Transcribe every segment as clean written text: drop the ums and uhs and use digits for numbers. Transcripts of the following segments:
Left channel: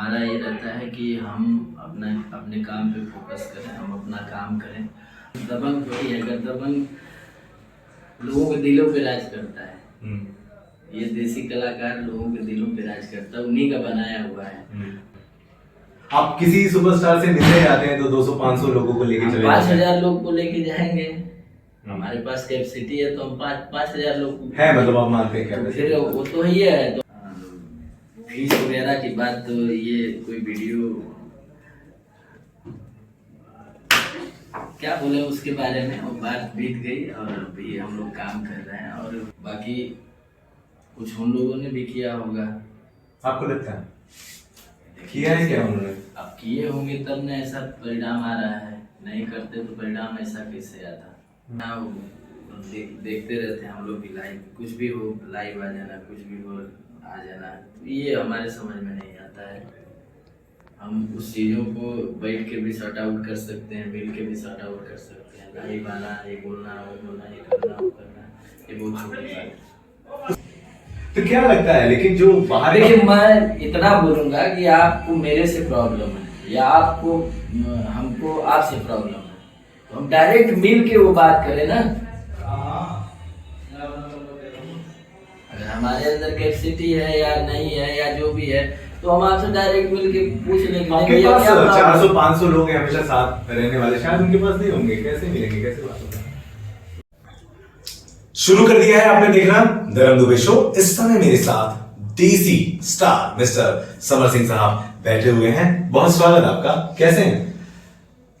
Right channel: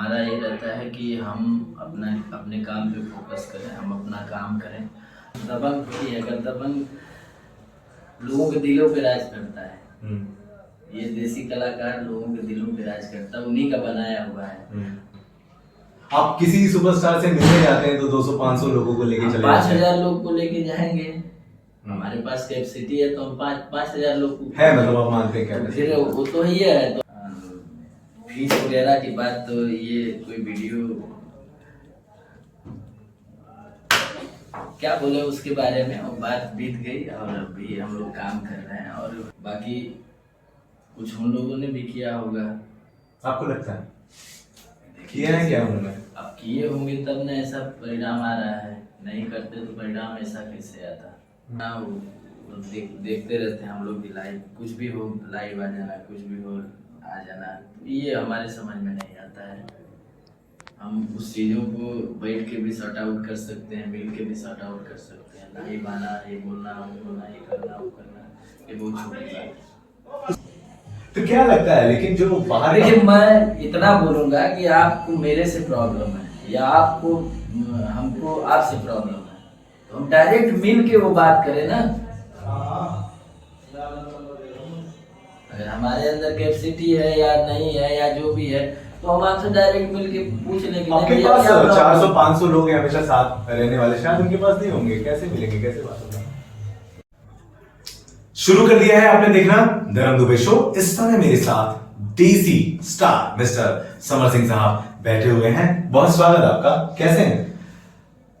हमारा ये रहता है कि हम अपने काम पे फोकस करें, हम अपना काम करें। दबंग थोड़ी है, अगर दबंग लोगों के दिलों पे राज करता है, ये देसी कलाकार लोगों के दिलों पे राज करता है, उन्हीं का बनाया हुआ है। आप किसी सुपरस्टार से मिलने जाते हैं तो 200-500 लोगों को लेके चले जाते हैं? 5000 लोग को लेके जाएंगे, हमारे पास कैपेसिटी है तो हम 5000 लोग है, मतलब आप मानते हैं क्या? तो फिर वो तो ही है। तो फीस वगैरह की बात तो ये कोई वीडियो क्या बोले उसके बारे में, वो बात बीत गई और अभी हम लोग काम कर रहे हैं। और बाकी कुछ उन लोगों ने भी किया होगा, आपको लगता है किया है क्या उन्होंने? अब किए होंगे तब ना ऐसा परिणाम आ रहा है, नहीं करते तो परिणाम ऐसा कैसे आता ना। वो देखते रहते हैं हम लोग भी, लाइव कुछ भी हो लाइव आ जाना, कुछ भी हो आ जाना, तो ये हमारे समझ में नहीं आता है। हम उस चीज़ों को बैठ के भी सॉर्ट आउट कर सकते हैं, मिल के भी सॉर्ट आउट कर सकते हैं। लाइव आना, ये बोलना, वो बोलना, ये करना, वो करना, ये बहुत छोटी बात है। तो क्या लगता है लेकिन जो बाहर देखिए, मैं इतना बोलूंगा कि आपको मेरे से प्रॉब्लम है या आपको हमको आपसे प्रॉब्लम है, तो हम डायरेक्ट मिल के वो बात करें ना। अगर हमारे अंदर कैपेसिटी है या नहीं है या जो भी है, तो हम आपसे डायरेक्ट मिल के पूछ लेंगे। आपके पास 400-500 लोग हैं हमेशा साथ रहने वाले, शायद उनके पास नहीं होंगे, कैसे मिलेंगे, कैसे बात होगा? शुरू कर दिया है आपने देखना धर्म दुबे शो। इस समय मेरे साथ DC star mister Samar Singh साहब बैठे हुए हैं। बहुत स्वागत आपका, कैसे हैं?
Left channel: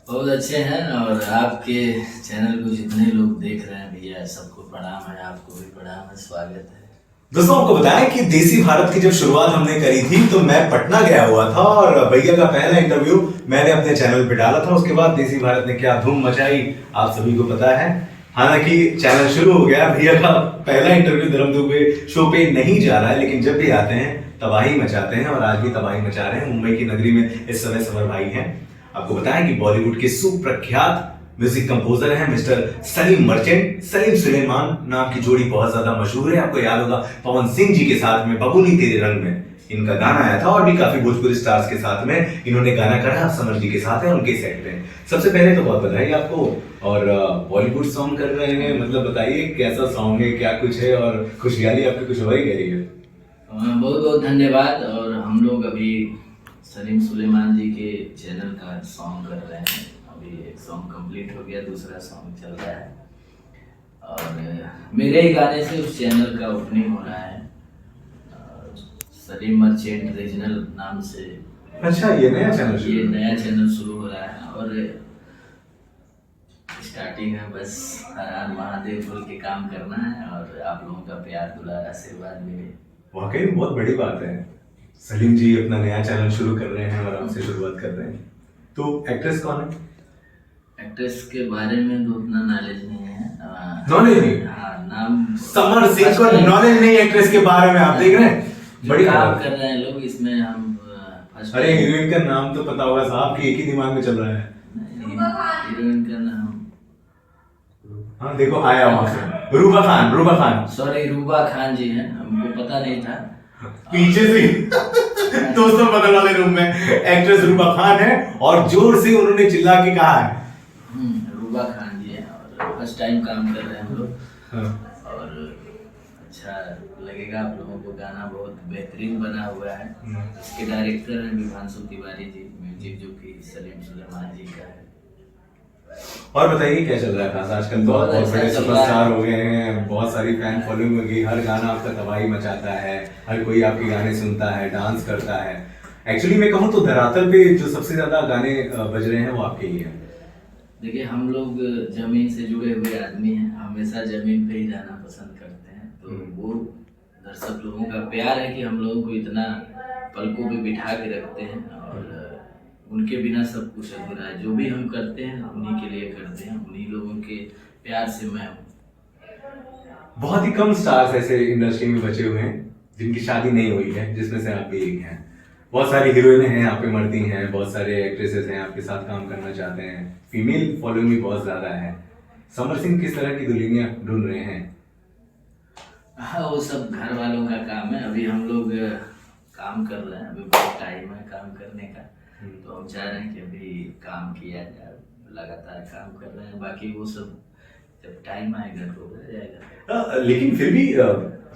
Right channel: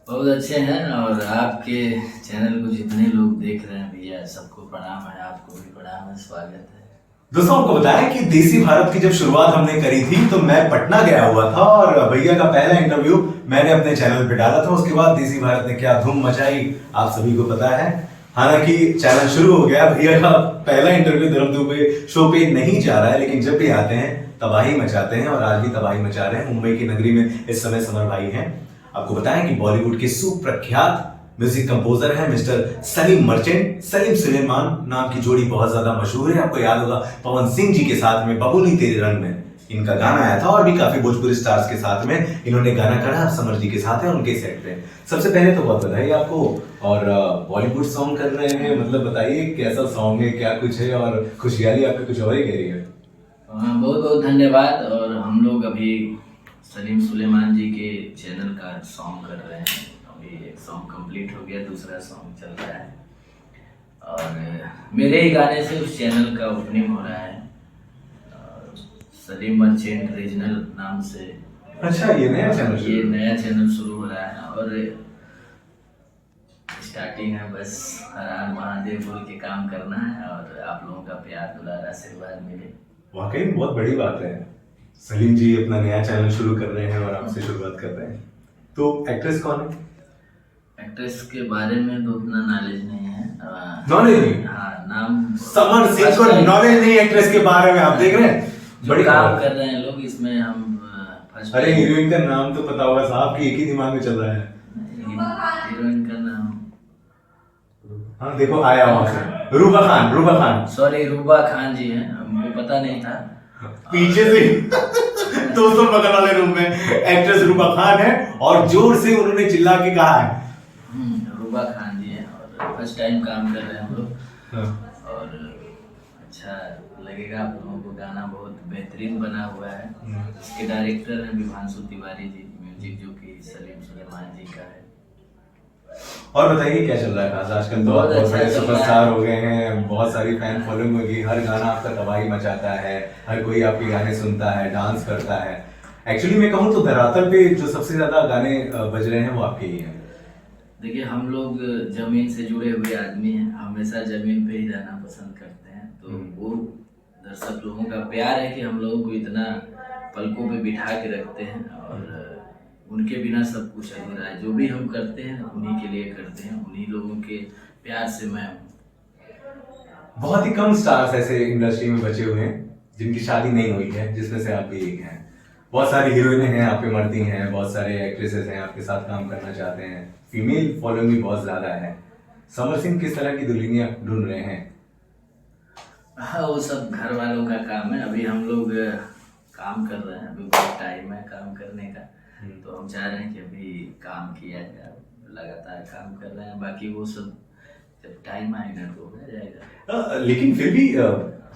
बहुत अच्छे हैं। और आपके चैनल को जितने लोग देख रहे हैं भैया, सबको प्रणाम है, आपको भी प्रणाम है, स्वागत है। दोस्तों आपको बताएं कि देसी भारत की जब शुरुआत हमने करी थी तो मैं पटना गया हुआ था और भैया का पहला इंटरव्यू मैंने अपने चैनल पे डाला था। उसके बाद देसी भारत ने क्या धूम मचाई आप सभी को पता है। हालांकि चैनल शुरू हो गया, भैया का पहला इंटरव्यू धर्म दुबे शो पे नहीं जा रहा है, लेकिन जब भी आते हैं तबाही मचाते हैं और आज भी तबाही मचा रहे हैं। मुंबई की नगरी में इस समय समर भाई हैं। आपको बताएं कि बॉलीवुड के सुप्रख्यात म्यूजिक कंपोजर हैं मिस्टर सलीम मर्चेंट। सलीम सुलेमान नाम की जोड़ी बहुत ज्यादा मशहूर है। आपको याद होगा पवन सिंह जी के साथ में बबूनी तेरे रंग में इनका गाना आया था, और भी काफी भोजपुरी स्टार्स के साथ में इन्होंने गाना करा। समर जी के साथ है उनके सेट पे। सबसे पहले तो बहुत बधाई आपको। और बॉलीवुड सॉन्ग कर रहे हैं, मतलब बताइए कैसा सॉन्ग है, क्या कुछ है, और खुशहाली आपकी कुछ और ही कह रही है। बहुत बहुत धन्यवाद। और हम लोग अभी सलीम सुलेमान जी के चैनल का सॉन्ग कर रहे हैं। अभी एक सॉन्ग कंप्लीट हो गया, दूसरा सॉन्ग चल रहा है, और मेरे ही गाने से उस channel का ओपनिंग हो रहा है। सलीम मर्चेंट रीजनल नाम से। अच्छा, ये नया चैनल? ये नया चैनल शुरू हो रहा है और स्टार्टिंग है, बस हर हर महादेव बोल के काम करना है और आप लोगों का प्यार दुलार आशीर्वाद मिले। वाकई में बहुत बड़ी बात है। सलीम जी अपना नया चैनल शुरू कर रहे हैं और आपसे शुरुआत कर रहे हैं। तो एक्ट्रेस कौन है? एक्ट्रेस के बारे में तो उतना नॉलेज नहीं है। नॉलेज नहीं? हाँ, नाम समर सिंह को नॉलेज नहीं एक्ट्रेस के बारे में, आप देख रहे हैं बड़ी काम कर रहे हैं लोग इसमें। हम अरे हीरोइन का नाम तो पता होगा साहब की, एक ही दिमाग में चल रहा है। हीरोइन का नाम, हाँ देखो आया वहां से, रूबा खान। रूबा खान, सॉरी, रूबा खान जी हैं, हमको पता नहीं था। पीछे से दोस्तों बगल वाले रूम में एक्ट्रेस रूबा खान है और जोर से उन्होंने चिल्ला के कहा है रूबा खान जी हैं और फर्स्ट टाइम काम कर रहे हैं हम लोग। हाँ। और अच्छा लगेगा आप लोगों को, गाना बहुत बेहतरीन बना हुआ है। इसके डायरेक्टर हैं विभांशु तिवारी जी, म्यूजिक जो कि सलीम सुलेमान जी का है। और बताइए क्या चल रहा है खास आजकल? तो बहुत बड़े सुपरस्टार हो गए हैं, बहुत सारी फैन फॉलोइंग होगी, हर गाना आपका तबाही मचाता है, हर कोई आपके गाने सुनता है, डांस करता है। एक्चुअली मैं कहूँ तो धरातल पे जो सबसे ज्यादा गाने बज रहे हैं वो आपके ही हैं। देखिए, हम लोग जमीन से जुड़े हुए आदमी हैं, हमेशा जमीन पे ही रहना पसंद करते हैं। तो वो दर्शक लोगों का प्यार है कि हम लोगों को इतना पलकों पे बिठा के रखते हैं, और उनके बिना सब कुछ अधूरा है। जो भी हम करते हैं उन्हीं के लिए करते हैं, उन्हीं लोगों के प्यार से मैं हूँ। बहुत ही कम स्टार्स ऐसे इंडस्ट्री में बचे हुए हैं जिनकी शादी नहीं हुई है, जिसमें से आप भी एक हैं। बहुत सारी हीरोइनें हैं आप पे मरती हैं, बहुत सारे एक्ट्रेसेस हैं आपके साथ काम करना चाहते हैं, फीमेल फॉलोइंग भी बहुत ज्यादा है। समर सिंह किस तरह की दुल्हनियां ढूंढ रहे हैं? हाँ, वो सब घर वालों का काम है। अभी हम लोग काम कर रहे हैं, अभी बहुत टाइम है काम करने का। तो हम चाह रहे हैं कि अभी काम किया जाए, लगातार काम कर रहे हैं। बाकी वो सब जब टाइम आएगा तो हो जाएगा। लेकिन फिर भी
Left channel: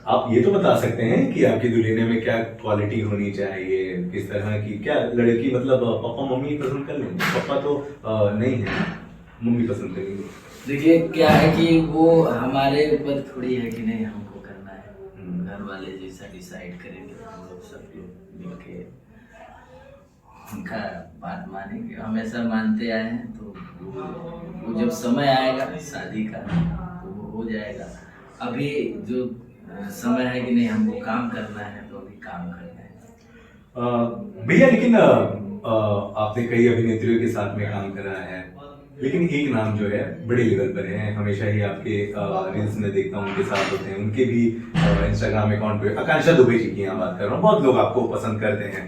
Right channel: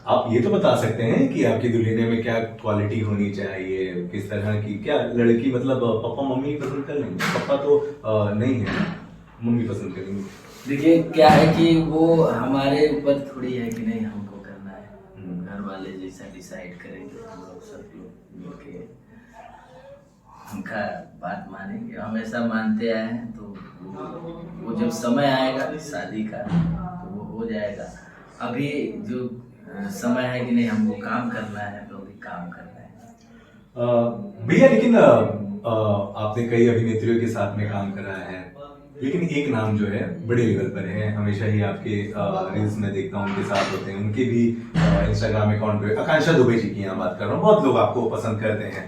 आप ये तो बता सकते हैं कि आपकी दुल्हने में क्या क्वालिटी होनी चाहिए, किस तरह की, क्या लड़की मतलब पापा मम्मी पसंद कर लेंगे? पापा तो नहीं है, मम्मी पसंद करेंगे। देखिए क्या है कि वो हमारे ऊपर थोड़ी है कि नहीं हमको करना है, घर वाले जैसा डिसाइड करेंगे, हम लोग सब लोग मिलके उनका बात मानेंगे, हमेशा मानते आए हैं। तो वो जब समय आएगा शादी का तो वो हो जाएगा। अभी जो समय है कि नहीं हमको काम करना है तो अभी काम करना है। भैया लेकिन आपने कई अभिनेत्रियों के साथ में काम करा है, लेकिन एक नाम जो है बड़े लेवल पर है, हमेशा ही आपके रील्स में देखता हूँ उनके साथ होते हैं, उनके भी इंस्टाग्राम अकाउंट पे आकांक्षा दुबे जी की यहाँ बात कर रहा हूँ। बहुत लोग आपको पसंद करते हैं,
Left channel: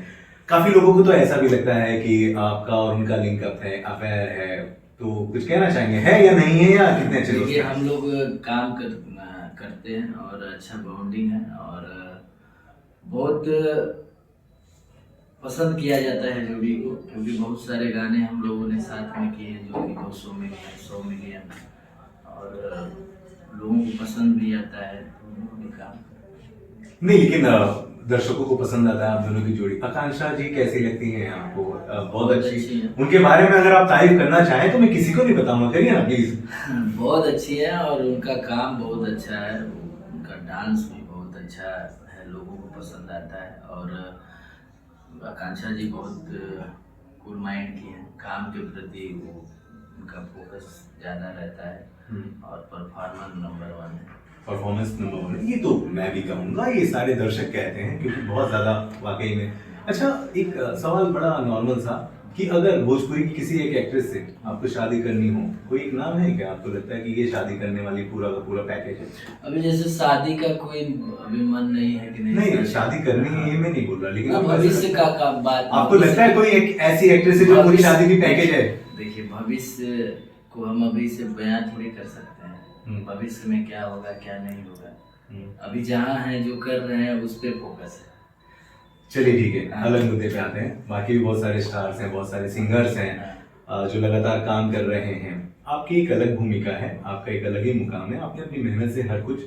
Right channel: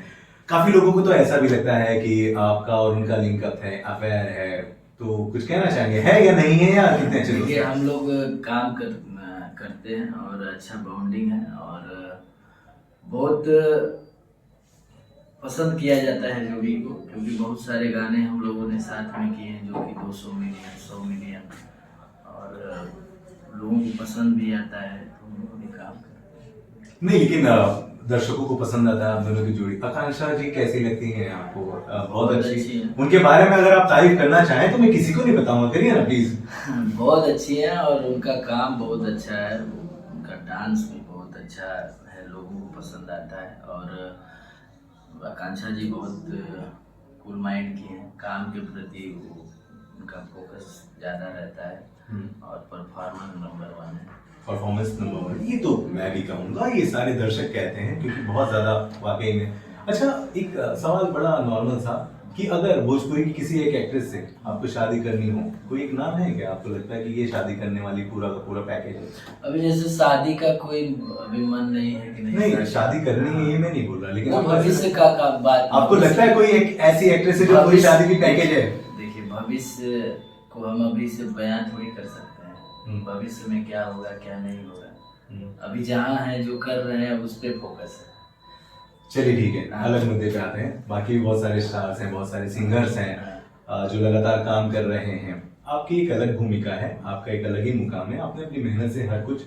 काफी लोगों को तो ऐसा भी लगता है कि आपका और उनका लिंकअप है, अफेयर है। तो कुछ कहना चाहेंगे, है या नहीं है, या कितने अच्छे दोस्त देखिए हैं? हम लोग काम करते हैं और अच्छा बॉन्डिंग है और बहुत पसंद किया जाता है जोड़ी को, क्योंकि बहुत सारे गाने हम लोगों ने साथ में किए हैं जो कि 200 मिलियन 100 मिलियन और लोगों को पसंद भी आता है, तो हम लोग भी काम करते हैं। नहीं, लेकिन दर्शकों को पसंद आता है आप दोनों की जोड़ी। आकांक्षा जी कैसी लगती हैं आपको? बहुत अच्छी है। उनके बारे में अगर आप तारीफ करना चाहें तो मैं किसी को नहीं बताऊंगा, करिए ना प्लीज। बहुत अच्छी है और उनका काम बहुत अच्छा है, उनका डांस भी बहुत अच्छा है, लोगों को पसंद आता है। और आकांक्षा जी बहुत कूल माइंड की हैं, काम के प्रति वो उनका फोकस ज़्यादा रहता है और परफॉर्मेंस नंबर 1 है। परफॉर्मेंस नंबर 1, ये तो मैं भी कहूंगा, ये सारे दर्शक कहते हैं, क्योंकि बहुत ज्यादा वाकई में। अच्छा, एक सवाल बड़ा नॉर्मल सा, कि अगर भोजपुरी की किसी एक एक्ट्रेस से आपको शादी करनी हो, कोई एक नाम है क्या आपको लगता है कि ये शादी करने वाली पूरा का पूरा पैकेज है? अभी जैसे शादी का कोई अभी मन नहीं है कि नहीं, शादी करनी है ये मैं नहीं बोल रहा, लेकिन वो आपको भविष्य का बात, आपको लगता है कोई एक ऐसी एक्ट्रेस है जो पूरी शादी की पैकेज है? देखिए भविष्य को हम अभी से बयान थोड़ी कर सकते हैं, भविष्य में क्या होगा क्या नहीं होगा। अभी जहाँ है जो कर रहे हैं उस पे फोकस है। चलिए ठीक है, अलग मुद्दे पे आते हैं। बाकी भी बहुत सारे स्टार्स हैं, बहुत सारे सिंगर्स हैं जो लगातार काम कर रहे हैं। आपकी एक अलग भूमिका है, आपका एक अलग ही मुकाम है, आपने अपनी मेहनत से हर कुछ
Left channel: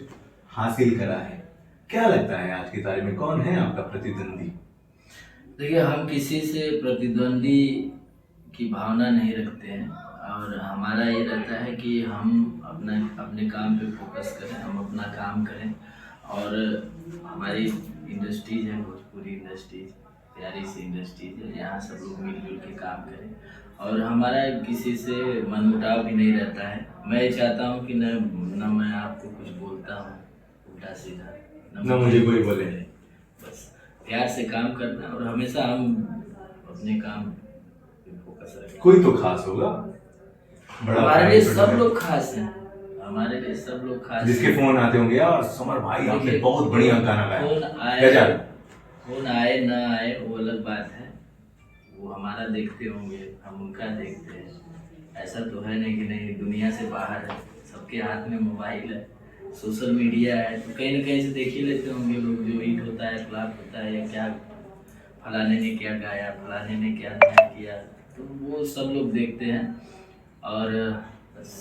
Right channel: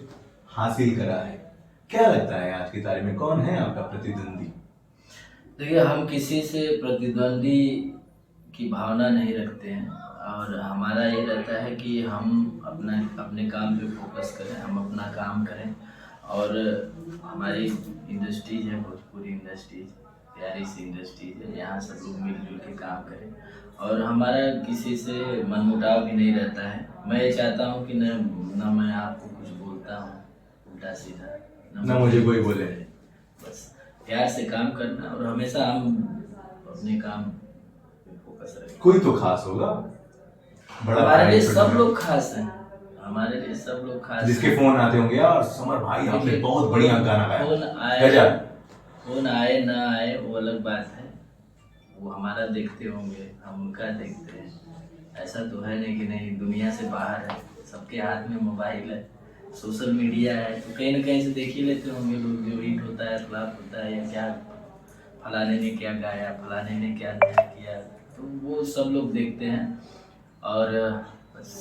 हासिल करा है। क्या लगता है आज की तारीख में कौन है आपका प्रतिद्वंदी? देखिए हम किसी से प्रतिद्वंदी की भावना नहीं रखते हैं और हमारा ये रहता है कि हम अपने काम पे फोकस करें, हम अपना काम करें। और हमारी इंडस्ट्रीज है भोजपुरी इंडस्ट्रीज, प्यारी सी इंडस्ट्रीज है, यहाँ सब लोग मिलजुल के काम करें और हमारा किसी से मनमुटाव भी नहीं रहता है। मैं ये चाहता हूँ कि न मैं आपको कुछ बोलता हूँ उल्टा सीधा, न मुझे कोई बोले, बस प्यार से काम करना और हमेशा हम अपने काम पे फोकस रखें। कोई तो खास होगा, बड़ा हमारे लिए सब लोग खास हैं, हमारे लिए सब लोग खास, जिसके फोन आते होंगे यार समर भाई आपने बहुत बढ़िया गाना गाया। फोन आए ना आए वो अलग बात है, वो हमारा देखते होंगे, हम उनका देखते हैं। ऐसा तो है नहीं कि नहीं, दुनिया से बाहर है, सबके हाथ में मोबाइल है, सोशल मीडिया है, तो कहीं ना कहीं से देख ही लेते होंगे लोग जो हिट होता है, फ्लॉप होता है, या क्या फलाने ने क्या गाया, फलाने ने क्या नया किया, तो वो सब लोग देखते हैं और बस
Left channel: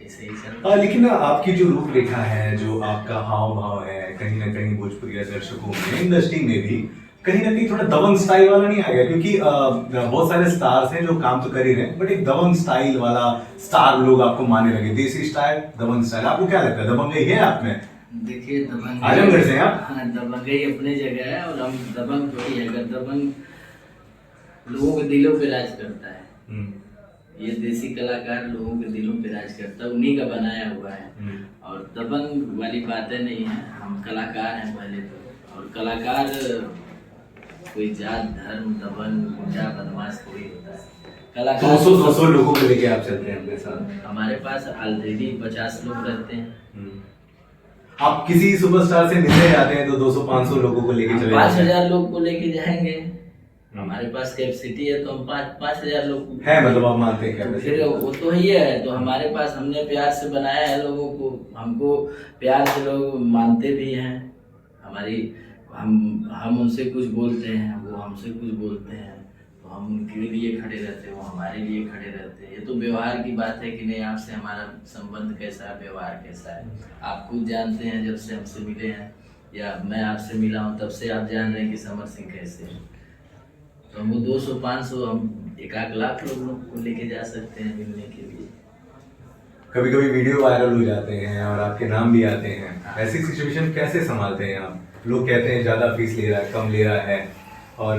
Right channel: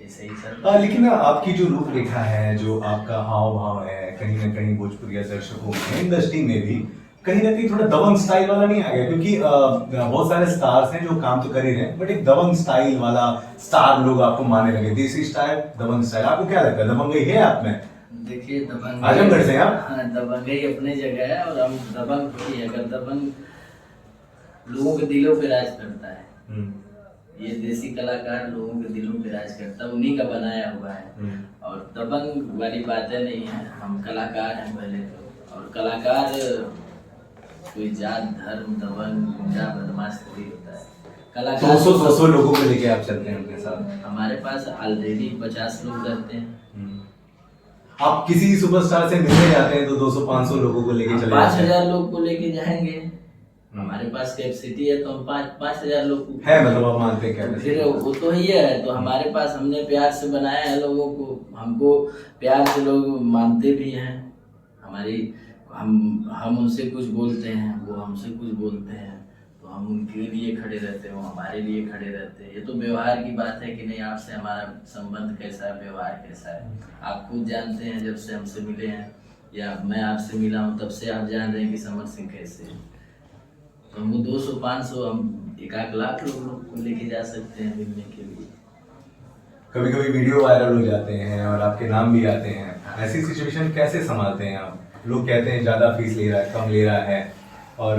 ऐसे ही सर। लेकिन आपकी जो रूपरेखा है, जो आपका हाव भाव है, कहीं ना कहीं भोजपुरी दर्शकों में, इंडस्ट्री में भी कहीं ना कहीं थोड़ा दबंग स्टाइल वाला नहीं आ गया? क्योंकि बहुत सारे स्टार्स हैं जो काम तो कर ही रहे हैं, बट एक दबंग स्टाइल वाला स्टार लोग आपको मानने लगे, देसी स्टाइल, दबंग स्टाइल। आपको क्या लगता है, दबंगई है आप में? देखिए दबंग आजमगढ़ से आप? हाँ, दबंगई अपने जगह है और हम दबंग थोड़ी है। अगर दबंग लोगों के दिलों पे राज करता है, ये देसी कलाकार लोगों के दिलों पे राज करता है, उन्हीं का बनाया हुआ है और दबंग वाली बातें नहीं है। हम कलाकार हैं पहले तो, और कलाकार कोई जात धर्म दबंग गुंडा बदमाश कोई होता है। कलाकार 200 लोगों को लेके आप चलते हैं अपने साथ? हमारे पास ऑलरेडी 50 लोग रहते हैं। आप किसी सुपरस्टार से मिलने जाते हैं तो 200-500 लोगों को लेके चले 5000 लोग को लेके जाएंगे, हमारे पास कैपेसिटी है तो हम 5000 लोग है, मतलब आप मानते हैं क्या? फिर वो तो ही है, तो हमारे पास हमने प्यार से बनाया है लोगों को, हमको प्यार से लोग मानते भी हैं, हमारी हम उनसे कुछ बोलते हैं, वो हमसे कुछ बोलते हैं, तो हम उनके लिए खड़े रहते हैं, वो हमारे लिए खड़े रहते हैं। ये तो व्यवहार की बात है कि नहीं, आपसे हमारा संबंध कैसा है, व्यवहार कैसा है, आप खुद जानते हैं। जब से हमसे मिले हैं या मैं आपसे मिला हूँ तब से आप जान रहे हैं कि समर सिंह कैसे है। तो हम 200-500 हम 1 लाख लोग को लेके जा सकते हैं मिलने के लिए। कभी कभी वीडियो वायरल हो जाते हैं और आपके नाम भी आते हैं, ऐसी सिचुएशन कैसे संभालते हैं आप? लोग कहते हैं ज्यादा फीस ले रहा है, कम ले रहा है, और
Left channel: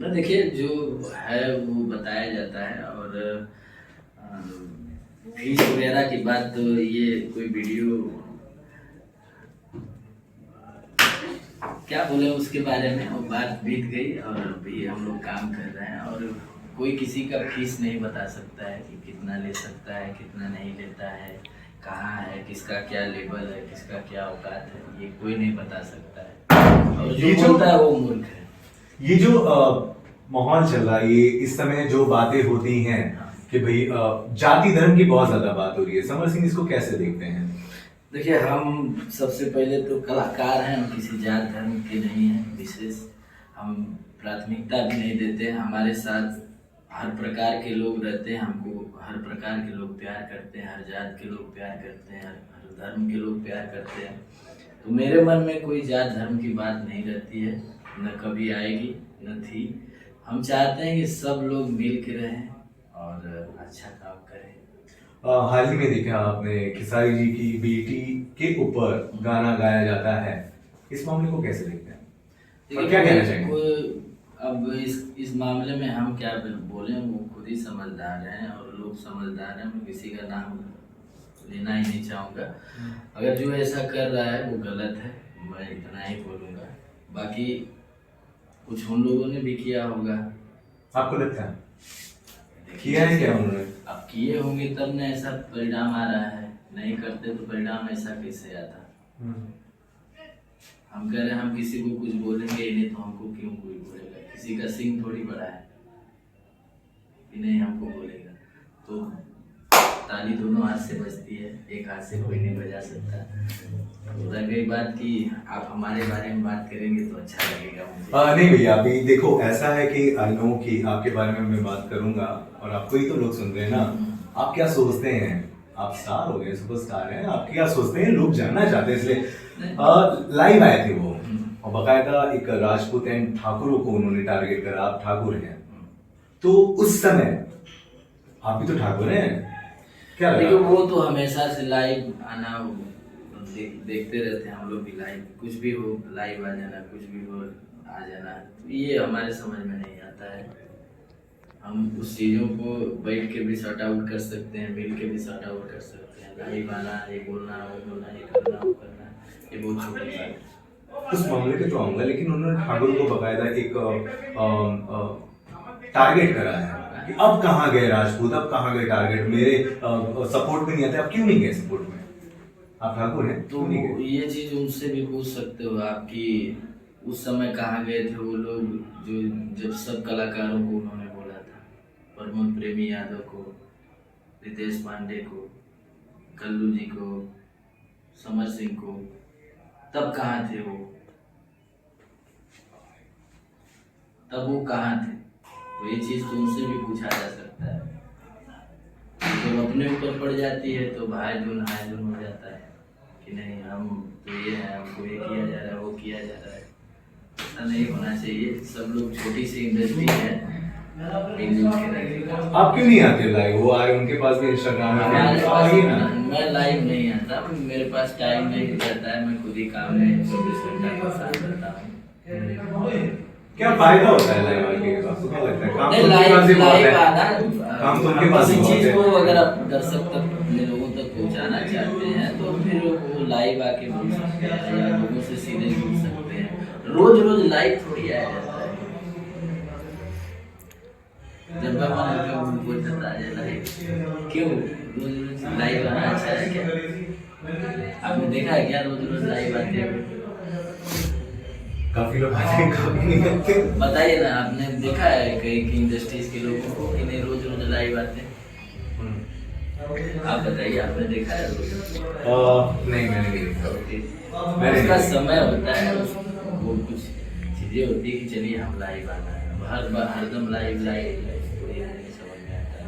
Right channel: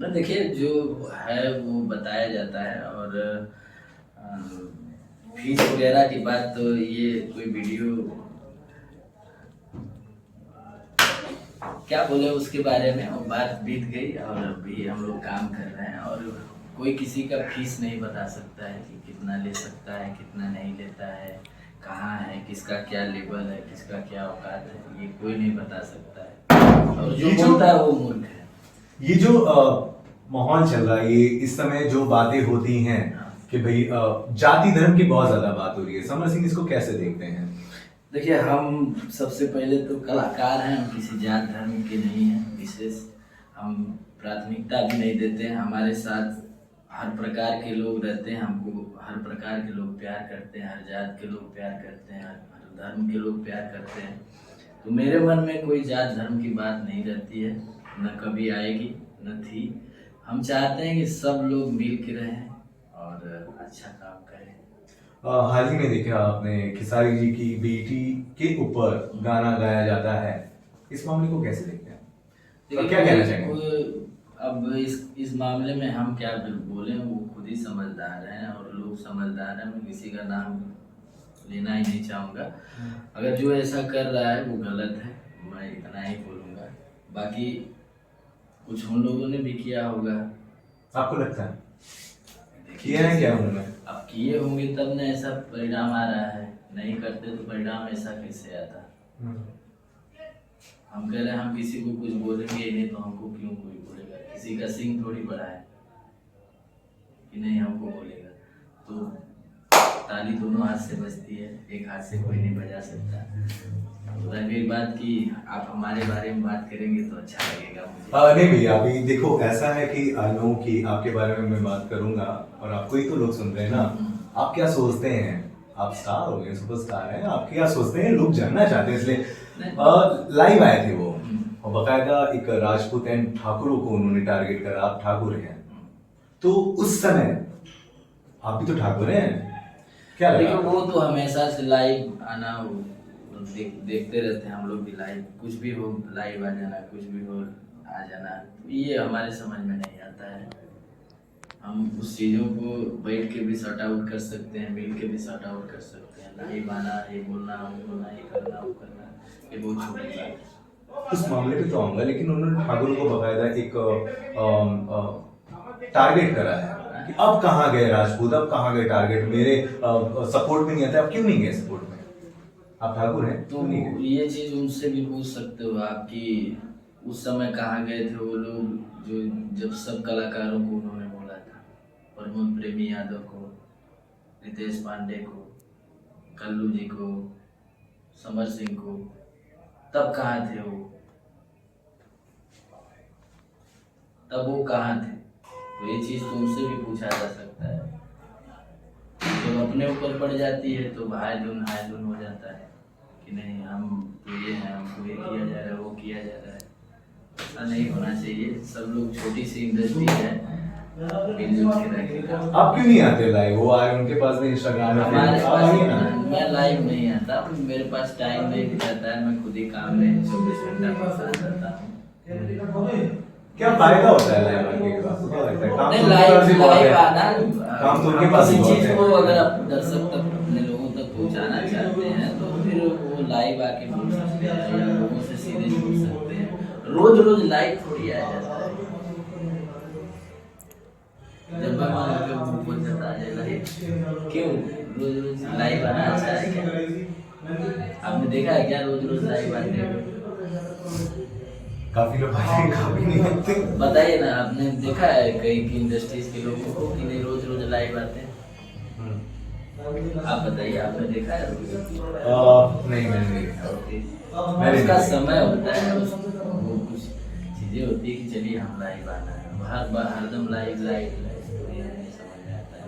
ना देखिए, जो है वो बताया जाता है। और फीस वगैरह की बात तो ये कोई वीडियो क्या बोले उसके बारे में, वो बात बीत गई और अभी हम लोग काम कर रहे हैं। और कोई किसी का फीस नहीं बता सकता है कि कितना ले सकता है, कितना नहीं लेता है, कहाँ है, किसका क्या लेवल है, किसका क्या औकात है, ये कोई नहीं बता सकता है। और जो बोलता है वो मूर्ख है। ये जो माहौल चल रहा है, ये इस समय जो बातें होती हैं कि भाई जाति धर्म की बहुत ज्यादा बात हो रही है, समर सिंह इसको कैसे देखते हैं? देखिए, हम सबसे पहले तो कलाकार हैं, हम किसी जात धर्म के नहीं हैं विशेष। हम प्राथमिकता भी नहीं देते हैं। हमारे साथ हर प्रकार के लोग रहते हैं, हमको हर प्रकार के लोग प्यार करते हैं, हर जात के लोग प्यार करते हैं, हर धर्म के लोग प्यार करते हैं। तो मेरे मन में कोई जात धर्म की बात नहीं रहती है, न कभी आएगी, न थी। हम चाहते हैं कि सब लोग मिल के रहें और अच्छा काम करें। हाल ही में देखा आपने खेसारी जी की बेटी के ऊपर गाना गाया जाता है, इस मामले को कैसे देखते हैं और क्या कहना चाहेंगे? अब इस मामले में हम क्या बोलें, वो खुद ही समझदार हैं और लोग समझदार हैं। मैं किसी का नाम लेना ही नहीं चाहूँगा। अगर जो ऐसा कर रहा है वो गलत है, मैं इतना ही बोलूँगा। बाकी कुछ उन लोगों ने भी किया होगा। आपको लगता है किया है क्या उन्होंने? अब किए होंगे तब न ऐसा परिणाम आ रहा है, नहीं करते तो परिणाम ऐसा कैसे आता। हम कह रहे हैं हम किसी को कुछ बोलेंगे ही नहीं, तो हमको क्यों कोई बोलेगा? किसी का सिंह थोड़ी बड़ा है कि नहीं हमको बोलेगा। तो ताली दोनों हाथ से बजती है, एक हाथ से कोई नहीं बजा सकता। तो रह गई बात कि आप हमारे बारे में बात करेंगे तो अच्छा लगेगा मुझे। नहीं भैया, अभी देखो ऐसा है कि आई नो कि आपके बारे में मैं बात करूंगा और आपको ही तो लोग सुन रहे हैं ना। आप क्या सोचते हैं? आप स्टार हो गए, सुपरस्टार हैं, आप क्या सोचते हैं? लोग जानना चाहते हैं, इसलिए लाइव आए थे वो, और बकायदा एक राजपूत एंड ठाकुरों को उन्होंने टारगेट करा। आप ठाकुर हैं, तो उस समय आप भी तो ठाकुर हैं, क्या लगा? देखो, वो तो हमेशा से लाइव आना देखते रहते हैं हम लोग भी। लाइव कुछ भी हो, लाइव आ जाना, कुछ भी हो आ जाना, ये हमारे समझ में नहीं आता है। हम उस चीज़ों को बैठ के भी सॉर्ट आउट कर सकते हैं, मिल के भी सॉर्ट आउट कर सकते हैं। लाइव आना, ये बोलना, वो बोलना, ये करना, वो करना, ये बहुत छोटी बात है। उस मामले पे तो आऊंगा, लेकिन उन्होंने ठाकुर को बकायदा एक टारगेट करा है कि अब कहाँ गए राजपूत, अब कहाँ गए टारगेट, मेरे सपोर्ट में नहीं आता। अब क्यों नहीं गए सपोर्ट में? आप ठाकुर हैं तो ये चीज उनसे भी पूछ सकते हो आप कि उस समय कहाँ गए थे वो लोग, जो जब सब कलाकारों को उन्होंने बोला था, प्रमोद प्रेमी यादव को, रितेश पांडे को, कल्लू जी को, समर सिंह को, तब कहाँ थे वो? तब वो कहाँ थे? तो ये चीज तो उनसे भी पूछा जा सकता है। जब अपने ऊपर पड़ जाती है तो भाई दून हाय दून हो जाता है कि नहीं हम तो ये हैं, हमको ये किया जा रहा है, वो किया जा रहा है। ऐसा नहीं होना चाहिए। सब लोग, छोटी सी इंडस्ट्री है, मिलजुल के रहेगा। आप क्यों नहीं आते लाइव? वो आए, उनके पास भी इंस्टाग्राम है, मैं लाइव नहीं आता, मेरे पास टाइम नहीं रहता है। मैं खुद ही काम में 24 घंटा के साथ रहता हूँ। क्या फायदा होता है लाइव आने का? आपको क्या लगता है? काम नहीं, तो उनके पास ही बहुत लाइव है, आना, काम तो उनके पास ही किसी बहुत चीज है। को अगर आप दर्शक तक, अपने लोगों तक पहुंचाना चाहते हैं तो फिर वो लाइव आके बोल सकते हैं या लोगों से सीधे जुड़ सकते हैं। रोज रोज लाइव थोड़ी आया जाता है। जब मैं मन होकर वो बोल जाता है लाइव, क्यों रोज रोज लाइव आना अच्छा है क्या? आपने देखा है क्या रोज रोज लाइव आते हुए? काफी लोग आते हैं, काफी नहीं आते। बताइए ना, आपने देखा है कहीं की इंडस्ट्रीज के लोगों को कि नहीं रोज रोज लाइव आते हैं? आप बताइए, आपने देखा है रोज? नहीं, मैंने नहीं देखा। उसका समय होता है, वो कुछ चीजें होती है कि चलिए हम लाइव आना है, हरदम लाइव नहीं समझ में आता है।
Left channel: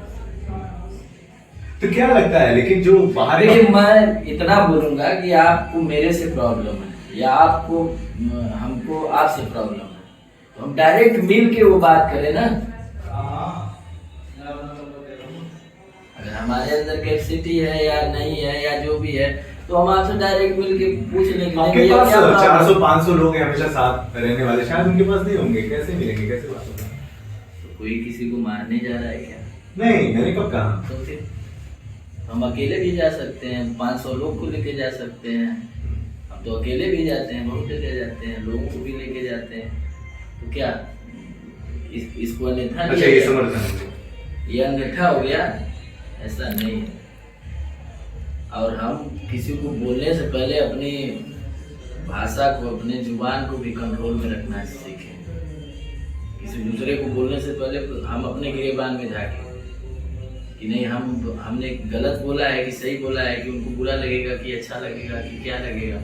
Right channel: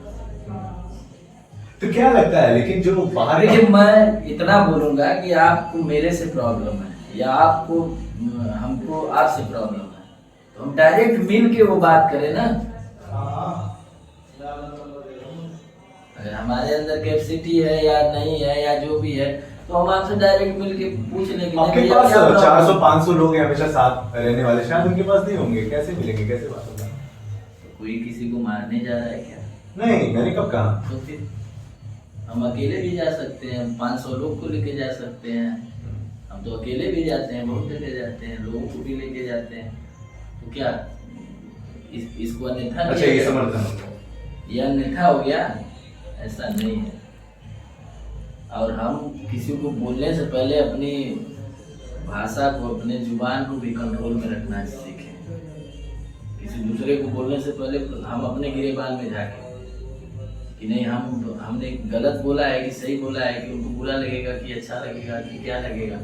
तो क्या लगता है, लेकिन जो बाहर देखिए मैं इतना बोलूंगा कि आपको मेरे से प्रॉब्लम है या आपको हमको आपसे प्रॉब्लम है, तो हम डायरेक्ट मिल के वो बात करें ना। अगर हमारे अंदर कैपेसिटी है या नहीं है या जो भी है, तो हम आपसे डायरेक्ट मिल के पूछ लेंगे। आपके पास 400-500 लोग हैं हमेशा साथ रहने वाले, शायद उनके पास नहीं होंगे, कैसे मिलेंगे, कैसे बात होगा? तो कोई किसी को मारने जा रहा है क्या? नहीं, मैंने कब कहा? तो फिर हम अकेले भी जा सकते हैं, 500 लोग को लेके जा सकते हैं। हम तो अकेले भी जाते हैं, बहुत जगह जाते हैं, लोगों को भी लेके जाते हैं। तो क्या इसको अन्यथा अच्छा, ये समर्थन, ये अन्यथा हो गया? ऐसा नहीं है। और हम किसी को बोलने से पहले अपनी भाषा को, अपने जुबान को भी कंट्रोल में रखना सीखें। किसी दूसरे को बोलने से पहले हम अपने गिरेबान में झांकें कि नहीं हमने गलत बोला है कि सही बोला है, कि उनको बुरा लगेगा कि अच्छा लगेगा कि क्या लगेगा।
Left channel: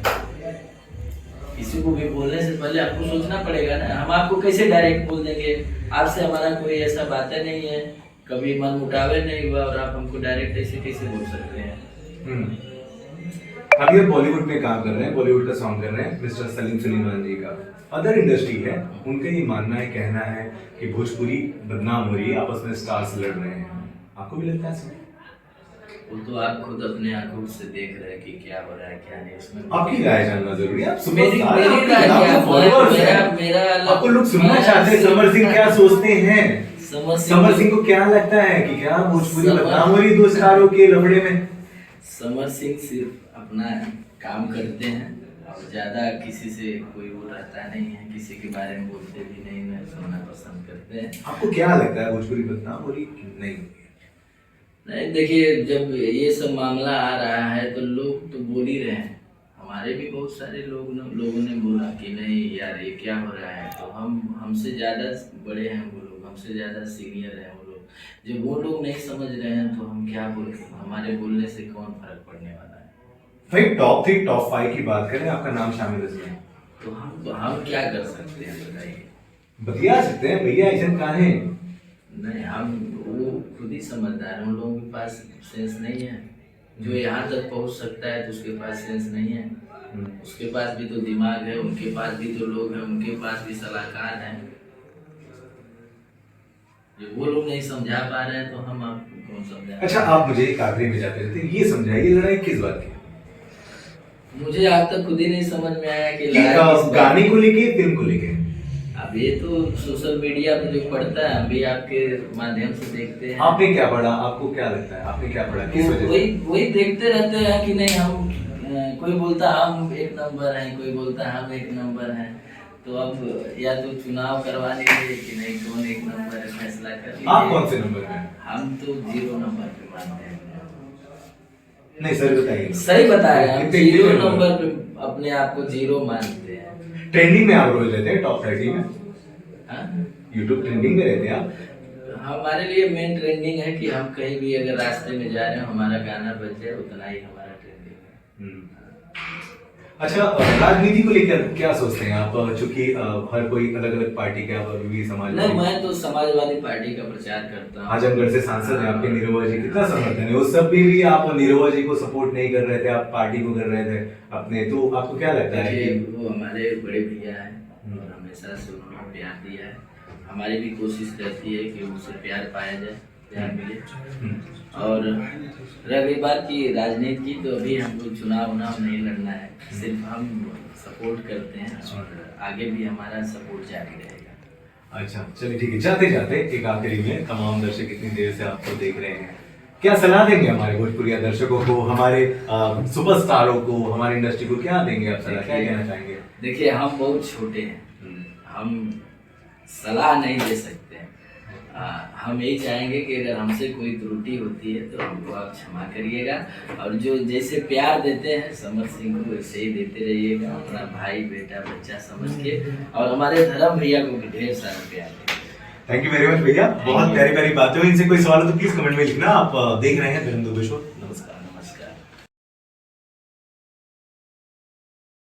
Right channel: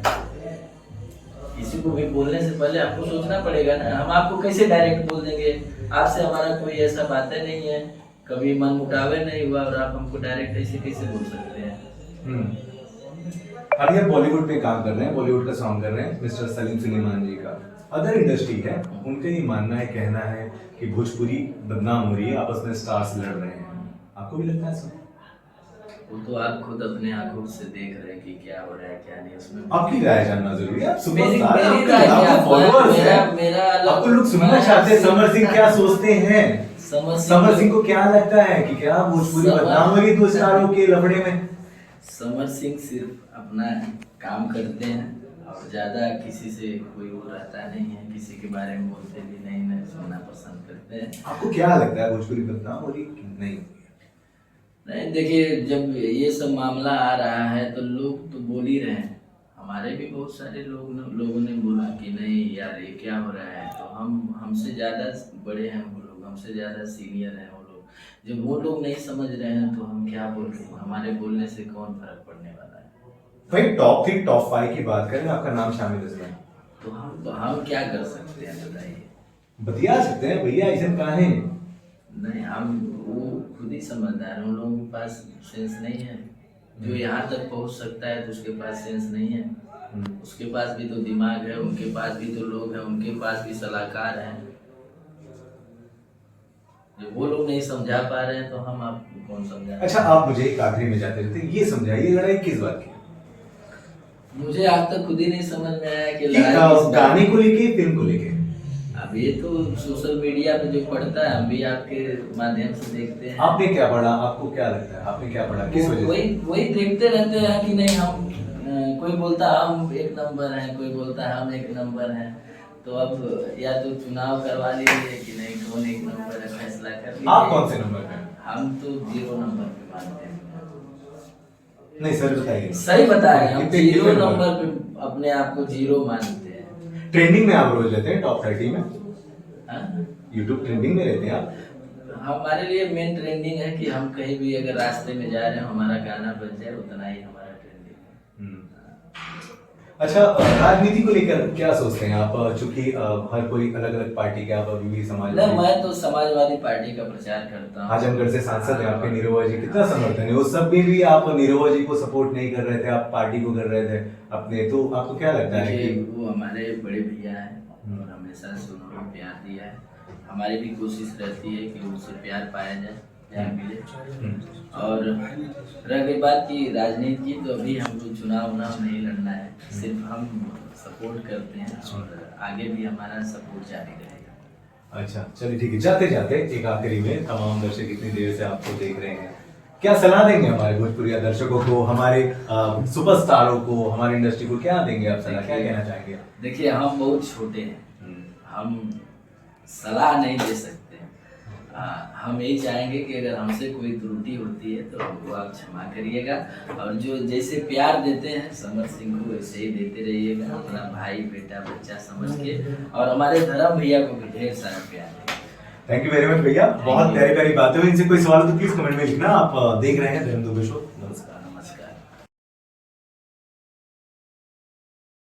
किसी को भी बोलने से पहले आपको सोचना पड़ेगा ना। हम आपको कैसे डायरेक्ट बोल देंगे? आपसे हमारा कोई ऐसा बातें नहीं है, कभी मन मुटावे नहीं हुआ और आप हमको डायरेक्ट ऐसे कैसे बोल सकते हैं? अभी आप बॉलीवुड में काम कर रहे हैं, बॉलीवुड का सॉन्ग कर रहे हैं मिस्टर सलीम सुलेमान जी का। अदर इंडस्ट्री है, उनका ये मानना है, कहना है कि भोजपुरी बदनाम हो रही है, आपस में स्टार्स लड़ रहे हैं। आपको भी लगता है ऐसा? वो तो आप खुद अपने आंखों से देख रहे हैं कि क्या हो रहा है क्या नहीं। उसमें आपकी राय जानना जरूरी है। आप सुपरस्टार हैं, आपके लाखों फॉलोअर्स हैं, आपको लोग सुनना चाहते हैं समर सिंह क्या सोचते हैं। समर सिंह को क्या लगता है कि क्या भोजपुरी बदनाम हो रही है 2 स्टारों के लफड़े में? समर सिंह सिर्फ अपना काम करते हैं और ज्यादा किसी से कोई वो रहता नहीं है, किसी के बारे में बोलते भी नहीं सुनना पसंद करते हैं। आपको क्या लगता है भोजपुरी बदनाम हो रही नहीं? नहीं, देखिए जब ये सब मामला आ रहा है तो लोग तो बोल ही रहे हैं। हमारे भी बहुत सारे लोगों ने बोला कि नहीं यार ये क्या हो रहा है। तो हमसे ज़्यादा बड़े हैं वो लोग, हमसे ज़्यादा सीनियर हैं वो लोग। जब वो लोग नहीं समझ रहे हैं तो हम क्या बोल रहे हैं? हमारे बोलने से कौन फर्क पड़ने वाला है? भाई टॉप 3 टॉप 5 की बात करें, आपका नाम शामिल है इसमें, तो हम क्या कर सकते हैं बताइए? बतिया सकते हैं भैया, ऐसे कहाँ है? नहीं, हम वो खुद ही समझदार हैं। उन लोगों के पास सेंस नहीं है। जो यहाँ तक पहुँच सकता है तो उसके पास सेंस नहीं है। उसके पास भी तो दिमाग है, उनके पास भी तो लोग हैं, उनके पास भी सलाहकार हैं। जो वो लोग नहीं समझा पा रहे हैं तो हम आपको कौन समझा? अच्छा, आप मुझे एक आखिरी में जाते रहते ये समझाइए, लड़ाई किस बात की? मुझे आज तक खुद ही नहीं समझ में आया कि गाने को लेके, फिल्म को लेके। अब ये तो सोशल मीडिया पे जो पढ़ता है हम भी आपके माध्यम से देखते हैं। आपने क्या पढ़ा? आपको क्या लगता है आपने क्या पढ़ा? किस वजह से? वही देखते रहते हैं कि नहीं हम कोई बोलता हम 1 नंबर हैं, कोई बोलता हम 1 नंबर हैं। तो अब या तो चुनाव करवा लीजिए कि नहीं कौन 1 नंबर है, फैसला कर लीजिए। आप कौन से नंबर पे? हम तो 0 नंबर पे मानते हैं। नहीं सर बताइए। सही बताया, हम 0 नंबर पे अपने आप को 0 मानते हैं। ट्रेंडिंग में आप रोज रहते हैं, टॉप 30 में? हाँ, यूट्यूब ट्रेंडिंग में रहते हैं आप? हमारे लिए मेन ट्रेंडिंग है कि हम कहीं भी अगर रास्ते में जा रहे हैं हमारा गाना बज जाए, उतना ही हमारा ट्रेंडिंग है। अच्छा, राजनीति को लेकर क्या सोचते हैं आप? चूंकि हर कोई अलग अलग पार्टी के, आप अभी भी समाज नहीं, मैं तो समाजवादी पार्टी का प्रचार करता हूँ। आजमगढ़ से सांसद हैं आपके निरहुआ जी, कितना समर्थन है? उस सब में भी आप निरहुआ जी को सपोर्ट नहीं कर रहे थे, आप पार्टी को कर रहे थे अपने। तो आपको क्या लगता है कि वो हमारे बड़े भैया हैं और हमेशा से उन्होंने प्यार दिया है। हमारी भी कोशिश रहती है कि उनसे प्यार पाया जाए, प्यार मिले। और रही बात की राजनीति की, तो अभी हमको चुनाव नहीं लड़ना है, सिर्फ हम सपोर्ट करते हैं और आगे भी हमारा सपोर्ट जारी रहेगा। अच्छा चलिए ठीक है। जाते जाते एक आखिरी में, तमाम दर्शक इतनी देर से आपको देख रहे हैं, क्या सलाह देंगे हमारे भोजपुरी दर्शकों को, हमारे सुपरस्टारों को, हमारी इंडस्ट्री को? क्या देंगे आप सलाह, क्या कहना चाहेंगे? देखिए हम बहुत छोटे हैं, हम सलाह नहीं दे सकते। हम यही चाहेंगे कि अगर हमसे कोई त्रुटि होती है तो हमको आप क्षमा करिएगा। और जो जैसे प्यार देते हैं समर सिंह को वैसे ही देते रहिएगा, अपना भाई बेटा बच्चा समझ के। और हमारे धर्म भैया को ढेर सारा प्यार। थैंक यू वेरी मच भैया, बहुत प्यारी प्यारी बातें हुई। इनसे कोई सवाल हो तो प्लीज कमेंट में लिखना। आप देख रहे हैं धर्म दुबे शो।